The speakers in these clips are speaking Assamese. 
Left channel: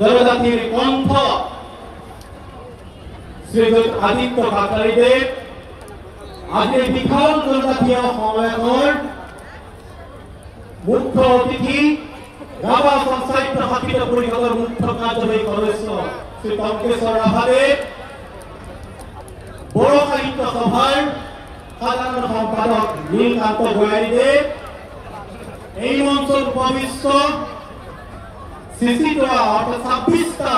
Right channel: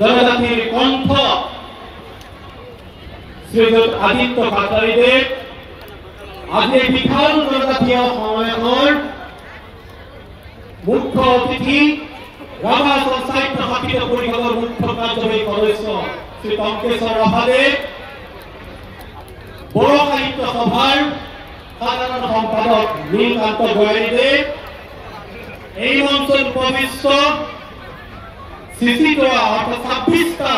জনজাতিৰ কণ্ঠ শ্ৰীযুত আদিত্য কাটাৰিদেব আজি বিশাল জনজাতীয় সন্মেলনৰ মুখ্য অতিথি ৰাভা সাহিত্য শাখিত পৰিষদৰ মুখ্য কাৰ্যবাহী সদস্য শ্ৰী টঙ্কেশ্বৰ ৰাভাদেৱ, বড়ো সাহিত্য সভাৰ সাধাৰণ সম্পাদক নীলকান্ত গোয়াৰীদেৱ, এই মঞ্চত উপবিষ্ট CC-টোৱা অৰ্থাৎ 26টা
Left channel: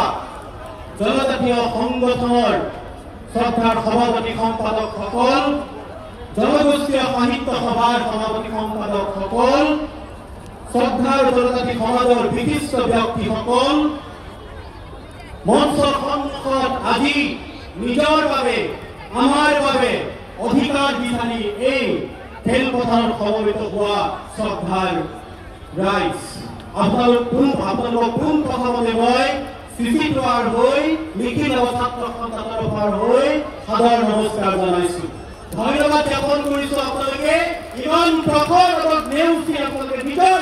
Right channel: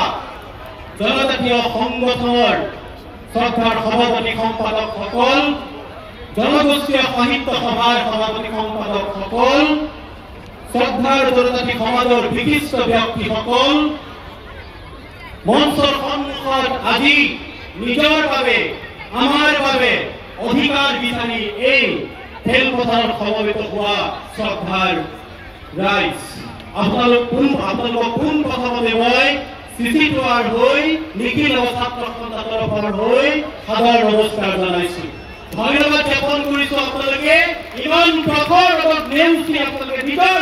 জনজাতীয় সংগঠনৰ শ্ৰদ্ধাৰ সভাপতি সম্পাদকসকল, জনগোষ্ঠীয় সাহিত্য সভাৰ সভাপতি সম্পাদকসকল, শ্ৰদ্ধাৰ জনজাতি সমাজৰ বিশিষ্ট ব্যক্তিসকল, মঞ্চৰ সন্মুখত আজি নিজৰ বাবে আমাৰ বাবে অধিকাৰ বিচাৰি এই খেলপথাৰত সমবেত হোৱা শ্ৰদ্ধাৰ ৰাইজ, আপোনালোক কোন প্ৰথমতে মই CC-টোৱাৰ হৈ নিখিল ছাত্ৰ সন্থাৰ তৰফৰ হৈ সাদৰ নমস্কাৰ জনাইছো। ধন্যবাদ জ্ঞাপন কৰিছো আপোনালোকে ইমান প্ৰখৰ ৰ'দত নেওচি আপোনালোকে নিজৰ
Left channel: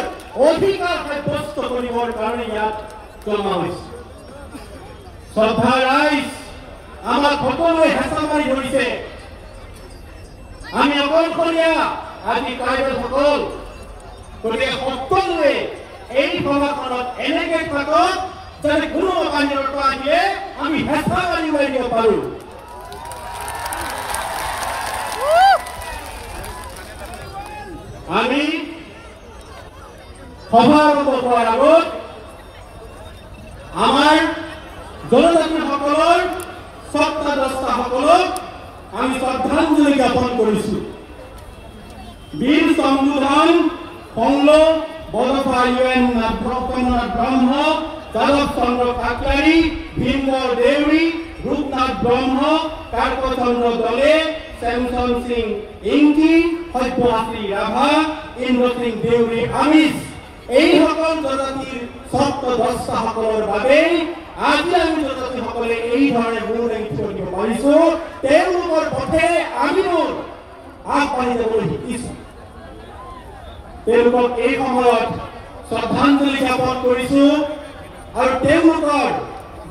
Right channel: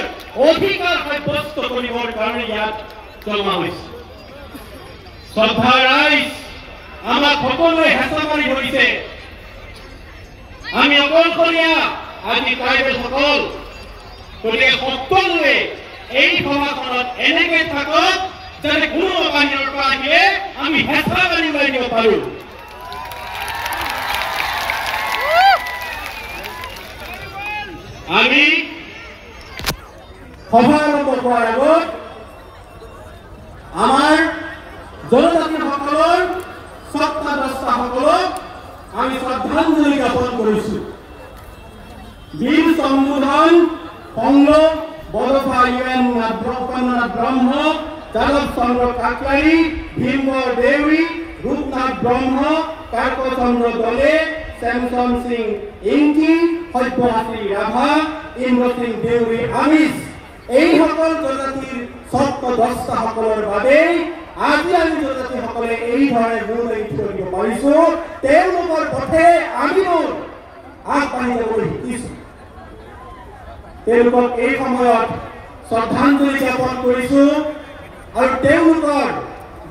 অধিকাৰ সাব্যস্ত কৰিবৰ কাৰণে ইয়াত জমা হৈছে। শ্ৰদ্ধাৰ ৰাইজ, আমাক সকলোৱে হেঁচা মাৰি ধৰিছে। আমি অকলশৰীয়া আজি ট্ৰাইবেলসকল, গতিকে সকলোৱে এই সভাখনত এনেকে থাকক যাতে কোনো বাহিৰৰ পৰা আহিলে আমি হেঁচা মাৰি মাৰি দিব পাৰো। আমি সভা আৰম্ভ কৰাৰ আগত আমাৰ জনজাতিসকলৰ স্বত্বাধিষ্ঠাসকলক আমি শ্ৰদ্ধাঞ্জলি জ্ঞাপন কৰিছো। বীৰ চন্দন সংলোক বড়োফা UN নাথ ব্ৰহ্ম, যাদৱ চন্দ্ৰ কাকলাৰী, ভীমবৰ দেউৰী, ৰূপনাথ ব্ৰহ্ম, কাৰ্কচন্দ্ৰ দলে, শ্যামচন্দ সিং ইংকি, সব্যসাচী ৰাভা, ইন্দ্ৰ সিং দেউৰী আমিষ, এইসকল জনজাতিৰ স্বত্বাধিষ্ঠাসকলৰ বাবে আজি আমি জনজাতিসকলে এই ধৰণে মূৰ দাঙি থিয় দিব পাৰিছো। তেওঁলোকৰ পথে আমিও আগবাঢ়ি যাবলৈ শিকিছো। তেওঁলোকক এই সময়ত শ্ৰদ্ধাঞ্জলি জ্ঞাপন কৰিছো আৰু তেওঁলোকৰ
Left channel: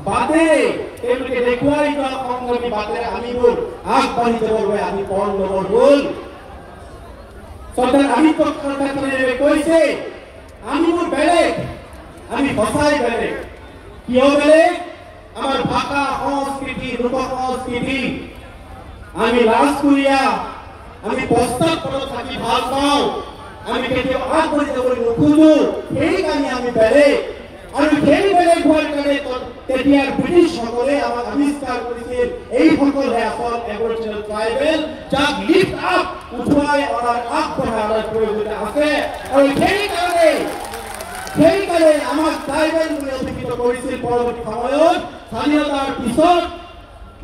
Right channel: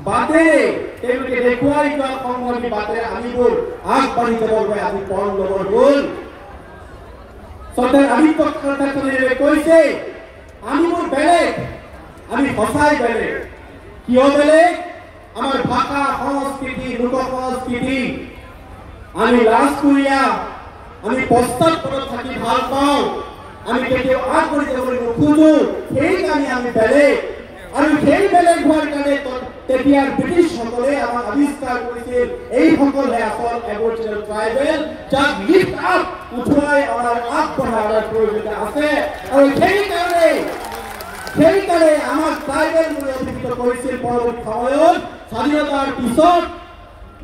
বাটেৰে তেওঁলোকে দেখুৱাই যোৱা সংগ্ৰামী বাটেৰে আমিবোৰ আগবাঢ়ি যাবৰ বাবে আমি পণ ল'বৰ হ'ল। শ্ৰদ্ধাৰ আদিত্য কাটাৰিদেৱে কৈছে আমিবোৰ বেলেগ, আমি সঁচাই বেলেগ। কিয় বেলেগ? আমাৰ ভাষা, সংস্কৃতি, লোক সংস্কৃতি, আমি লাজকুৰীয়া, আমি পশ্চাৎপদত থাকি ভাল পাওঁ, আমি কেতিয়াও আগবাঢ়ি যাবলৈ নোখোজো, সেইকাৰণে আমি বেলেগ। আৰু সেই বেলেগ হোৱাৰ কাৰণে তেতিয়াৰ ব্ৰিটিছসকলে আমাক আৱিষ্কাৰ কৰিছিল এইসকলে আচল এবৰিজিনেল ট্ৰাইবেল, যাক লিফ্ট আপ উঠুৱাই অনাৰ আগবঢ়াৰ প্ৰয়োজন আছে। আৰু সেইকাৰণে আমাক ট্ৰাইবেল বুলি অভিহিত কৰিছিল। পৰৱৰ্তী সময়ত স্বাধীনতাৰ পিছত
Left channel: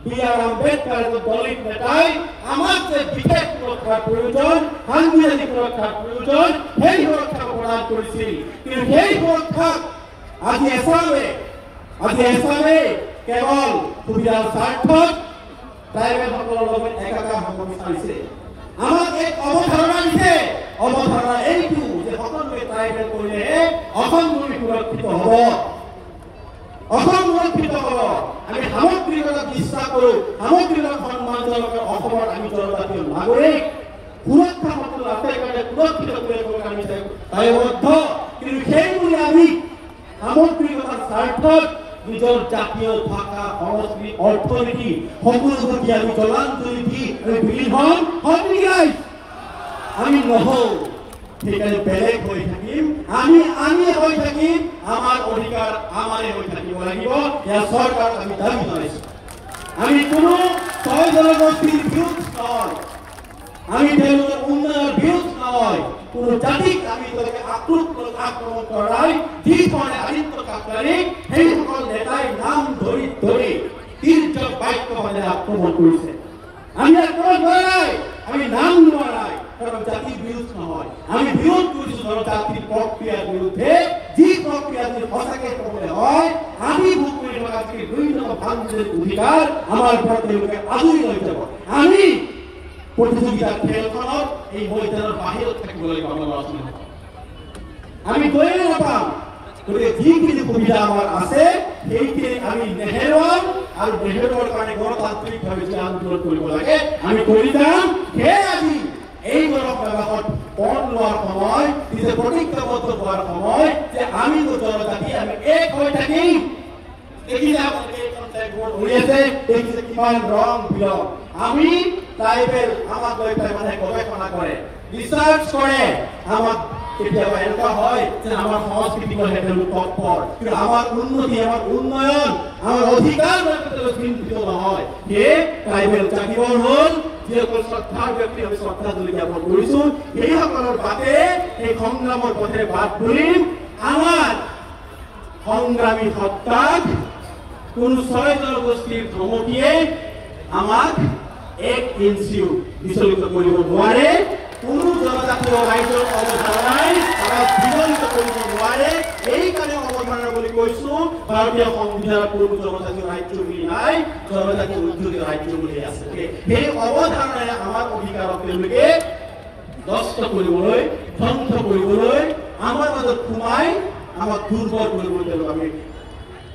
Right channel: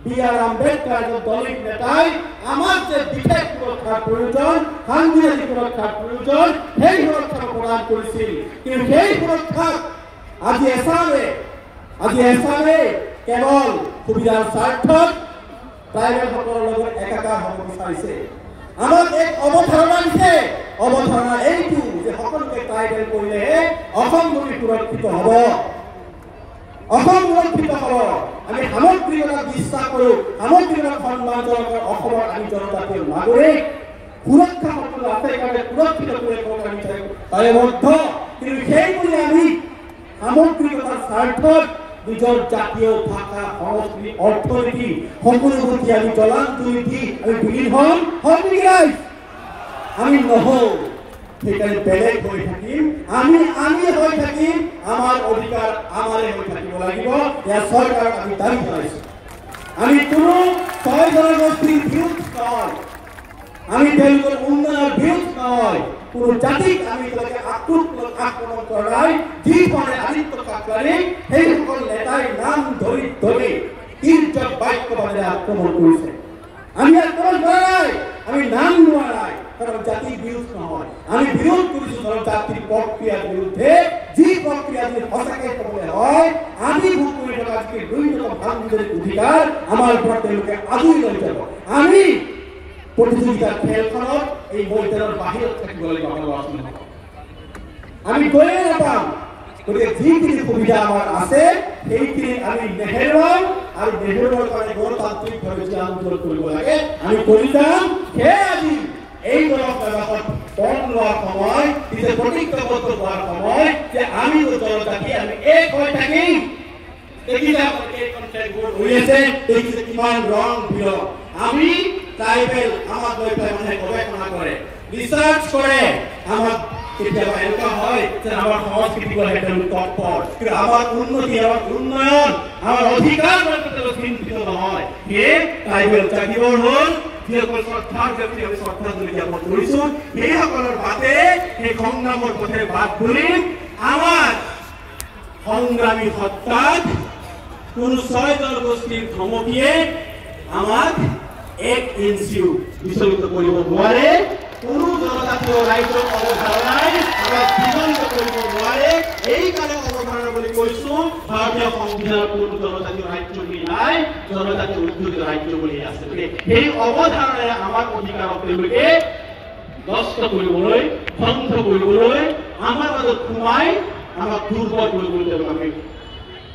B.R. আম্বেদকাৰ দলিত নেতাই আমাক যে বিশেষ সুৰক্ষাৰ প্ৰয়োজন, সাংবিধানিক সুৰক্ষাৰ প্ৰয়োজন, সেই সুৰক্ষা প্ৰদান কৰিছিল। কিন্তু সেই সুৰক্ষাক আজি এছামে কেৱল সুবিধাৰ স্বাৰ্থত ট্ৰাইবেলসকলৰ লগত একাকাৰ হ'ব বিচাৰিছে। আমাক এক অৱধাৰণা দিছে। অৱধাৰণা এইটো যে সকলোকে ট্ৰাইবেল কৰিলেহে অসমভূমি সুৰক্ষিত হ'ব, অসম সুৰক্ষিত হ'ব। আমি সামগ্ৰিকতাক বিশ্বাস কৰোঁ, সামগ্ৰিকতাক সন্মান জনাই অসমৰ আমি জনজাতীয় নাগৰিক সুৰক্ষা সকলো আছে কাৰণে সুৰক্ষিত কৰিবলৈ আমি দায়বদ্ধ। কিন্তু সেই বুলি আমি সামগ্ৰিকতাৰ স্বাৰ্থত নিজৰ জাতীয় ভাষা, সংস্কৃতি, অৰ্থনীতি সকলোবোৰ কি আমি জলাঞ্জলি দি আমি বিলীন হ'ম নেকি? আমি নহওঁ। সেইকাৰণে বেলেগ হৈ থাকিম, আমি হৈ থাকিম, আমাৰ অধিকাৰ আমাৰে হৈ থাকিব লাগিব। ইয়াৰ চৰকাৰক আমি দাবী জনাইছোঁ। আমি কোনো ছয় জনগোষ্ঠীৰ বিৰোধ নহয়, আমি তেওঁলোকৰ উন্নয়নৰ বিৰোধ নহয়, কোনো জাতিক আমি আক্ৰমণ কৰা নাই। যিখনে আদিত্য কাকলাৰী সেইসকল নেতাই নাম ধৰি তিৰ্যক বাক্য ভাৱে আক্ৰমণ কৰিছে। আমি আক্ৰমণ কৰা নাই, আমি নাম লোৱা নাই, কাৰণ জাতিৰ বিৰোধ নহয়। আমি বিৰোধ কৰিছো জাতিৰ প্ৰক্ৰিয়াৰ বিৰুদ্ধে, যি প্ৰক্ৰিয়া যদি সঁচাকে ক'বলৈ হয় আমি ভোগ কৰি থকা বিভিন্ন সাংবিধানিক অধিকাৰ আমাৰ পৰা তেওঁলোকে আদৰি লৈ যাব। আমি প্ৰতিযোগিতাৰ খেলখনত এই ময়দানৰ বাহিৰত থাকিব লাগিব। আমি গৈয়ে নাপাম। গতিকে যিখিনি সুবিধা আমাৰ আছে সেইখিনি আমি নেহেৰুৱাম আৰু নেহেৰুৱাৰ কাৰণে গণতান্ত্ৰিকভাৱে যে আন্দোলন কৰিব লাগে আমি কৰি যাম। সেয়ে আজি এই গণপ্ৰবাসত পণ লোৱাৰ সময়, নিজে প্ৰতিজ্ঞাবদ্ধ হোৱাৰ সময় যে আমি জনজাতি আমি এক হৈ থাকিম। কিমান ৰং বিৰং আমি ট্ৰাইবেল আমাক লৈ পেলাই মানুহে গৱেষণা কৰে, ৰিচাৰ্চ কৰে। আমাক কেতিয়াবা এনেকুৱা হয় যে আমাৰ সংস্কৃতি কৰে তেওঁলোক তৎপৰ, কিন্তু আমাৰ উন্নতি আমাৰ উন্নয়ন আমাৰ অধিকাৰ চিন্তিত নহয়। সেয়ে ট্ৰাইবেল জাতিবোৰ হ'ল যিসকল শ্ৰদ্ধাৰ ব্যক্তি আমি শ্ৰদ্ধাঞ্জলি জ্ঞাপন কৰিছোঁ, সেইসকলৰ বাটে সেই সংগ্ৰামৰ পথেৰে বাট ধৰিম। আমাৰ সংগ্ৰামী সত্তাত কোনো 6 জনগোষ্ঠীৰ ধমকিয়ে আমাক 1 ইঞ্চিও বিচলিত কৰিব নোৱাৰে। কোনো জনজাতীয় ৰাইজৰ অৱধাৰণাই আমাক বিচলিত কৰিব নোৱাৰে। এইকাৰণে অৱধাৰণা বুলি কৈছোঁ, ভাৰতীয় সংবিধানত কোনো জনজাতীয় ৰাজ্য বুলি নাই, জনজাতীয় উদ্যোগিক ৰাজ্য বুলি আছে। সেই অৱধাৰণাৰে আমাক অধিকাৰক তেওঁলোকে নষ্ট কৰিবলৈ, ধ্বংস কৰিবলৈ, আমাৰ মাজত সোমাই আমাক দুৰ্বল কৰিবলৈ তেওঁলোক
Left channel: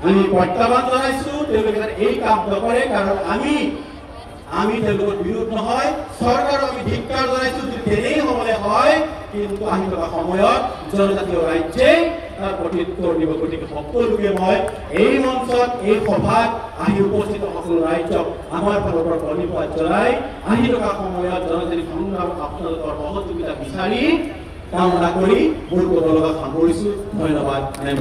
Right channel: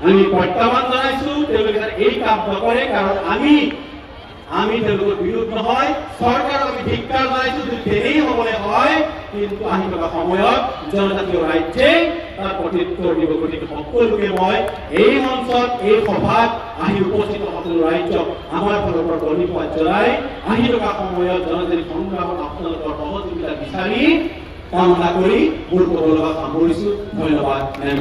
আমি প্ৰত্যাহ্বান জনাইছোঁ। তেওঁলোকে এই কাম নকৰে, কাৰণ আমি তেওঁলোকৰ বিৰোধ নহয়। চৰকাৰক আমি ধিক্কাৰ জনাইছোঁ যদি তেনেই হ'বলৈ হয়, কিন্তু আহি থকা সময়ত জনজাতীয় ৰাজ্যে তাৰ প্ৰত্যুত্তৰ দিব। গতিকে সকলোকে মই এই মঞ্চত এই সভাত আহি উপস্থিত সকলো ৰাজ্যক আমাৰ ফালৰ পৰা ধন্যবাদ জনাই আহি থকা সময়ত জনজাতি সংগ্ৰামত আপোনালোকৰ সহযোগিতা বিচাৰি কামনা কৰি মোৰ ক'ব লগা সামৰিছোঁ। ধন্যবাদ।